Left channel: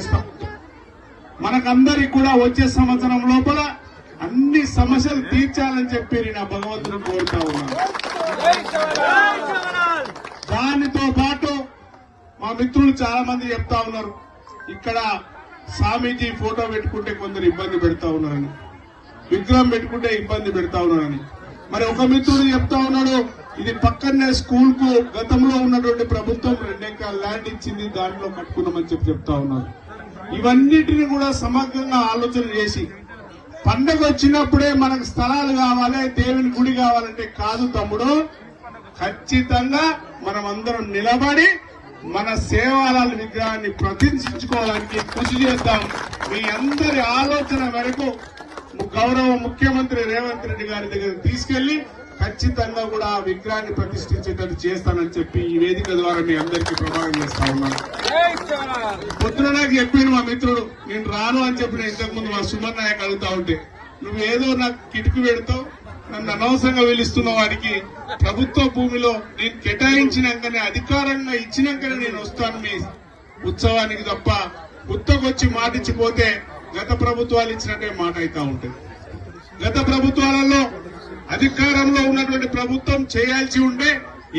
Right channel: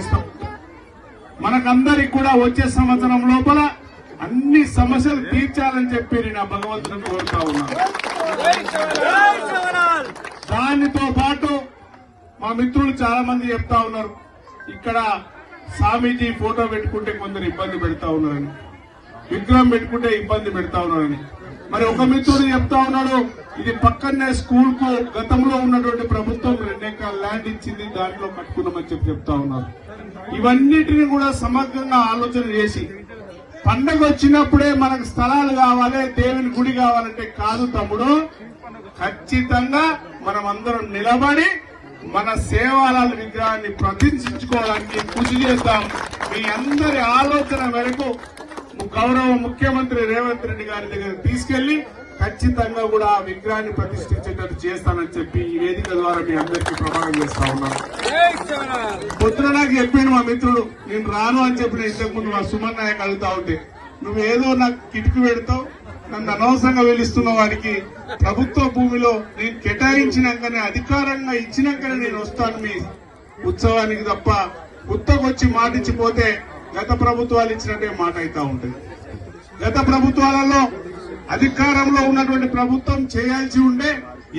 చేస్తాం. మనకందరికి కూడా వచ్చే సంవత్సరం లోపల అన్ని సమస్యలు తీర్చాలని చెప్పి నేను భగవంతుని కోరుతా ఉన్నాను. దానితో పాటు మా మిత్రులు చాలా మంది చెప్తా ఉన్నారు, ఇక్కడ స్వామీజీ ఫోటో పెట్టుకుంటే కొందరు ఇబ్బంది పెడతా ఉన్నారని, విగ్రహం పెట్టుకుంటే ఇబ్బంది పెడతా ఉన్నారని. మరి ఒక మిత్రుడు చెప్తా ఉన్నాడు, ఇది పక్కనే స్కూల్ కు గతంలో ఉన్నటువంటి ప్రభుత్వం 2 ఎకరాల ల్యాండ్ ఇచ్చింది, దాంట్లో పెట్టుకుంటామని చెప్తా ఉన్నారు. ఇవన్నిటిని కూడా సమగ్రంగా ఆలోచన చేసి పండుగ వచ్చినప్పుడే మనకు స్థలాలు కావాలి, దేవుని గుడి కావాలంటే కాదు తమ్ముడు, ఖచ్చితంగా మనం అందరం నిలబడి మన సేవాల విగ్రహాన్ని ప్రతిష్ఠించుకోవడానికి కృషి చేద్దాం. మీ అందరి ఆలోచన మేరకు గౌరవ ముఖ్యమంత్రి రేవంత్ రెడ్డి గారి దగ్గర తీసుకెళ్లి ఖచ్చితంగా కూడా ఆ విగ్రహాన్ని ప్రతిష్ఠించేటట్టు చేస్తామని చెప్పి ఈ వేదిక ద్వారా మీ అందరికీ ప్రమాణం చేస్తా ఉన్నాను. పొద్దున నాకు చెప్పాను మా మిత్రుడు, నేను రాను అని చెప్పిన ఇంతకుముందు మా సుమన్ నాయక్ అడుగుతా ఉంటే, నువ్వేదో నాకు కిటుకు పెడతావు, నన్ను అనవసరంగా వెలుస్తున్న వాడికి ప్రభుత్వ భూమిలో నేను కేటాయించినాకనే అధికారంగా ఇచ్చినాకనే నేను వస్తాను మీ ఉత్సవానికి తప్ప ఉత్తకొచ్చి మాటిచ్చిపోతే గత ప్రభుత్వాలు ఇచ్చినట్టే మాట అవుతా ఉంటుంది. గత ప్రభుత్వాలలో అధికారంలో ఉన్నటువంటి ప్రభుత్వం చేయాల్సి ఉంటే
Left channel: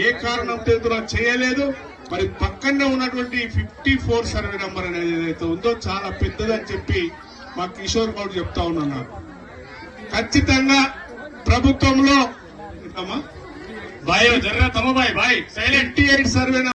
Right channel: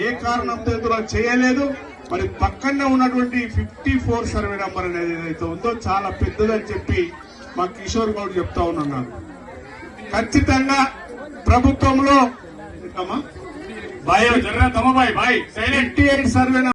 ఏ కారణంతో కూడా చేయలేదు. మరి పక్కనే ఉన్నటువంటి 54 సర్వే నంబర్ అనేది ఏదైతే ఉందో చాలా పెద్దదని చెప్పి మా కిషోర్ గౌడ్ చెప్తా ఉన్నాను. నాకు ఖచ్చితంగా ప్రభుత్వంలో 58 సర్వే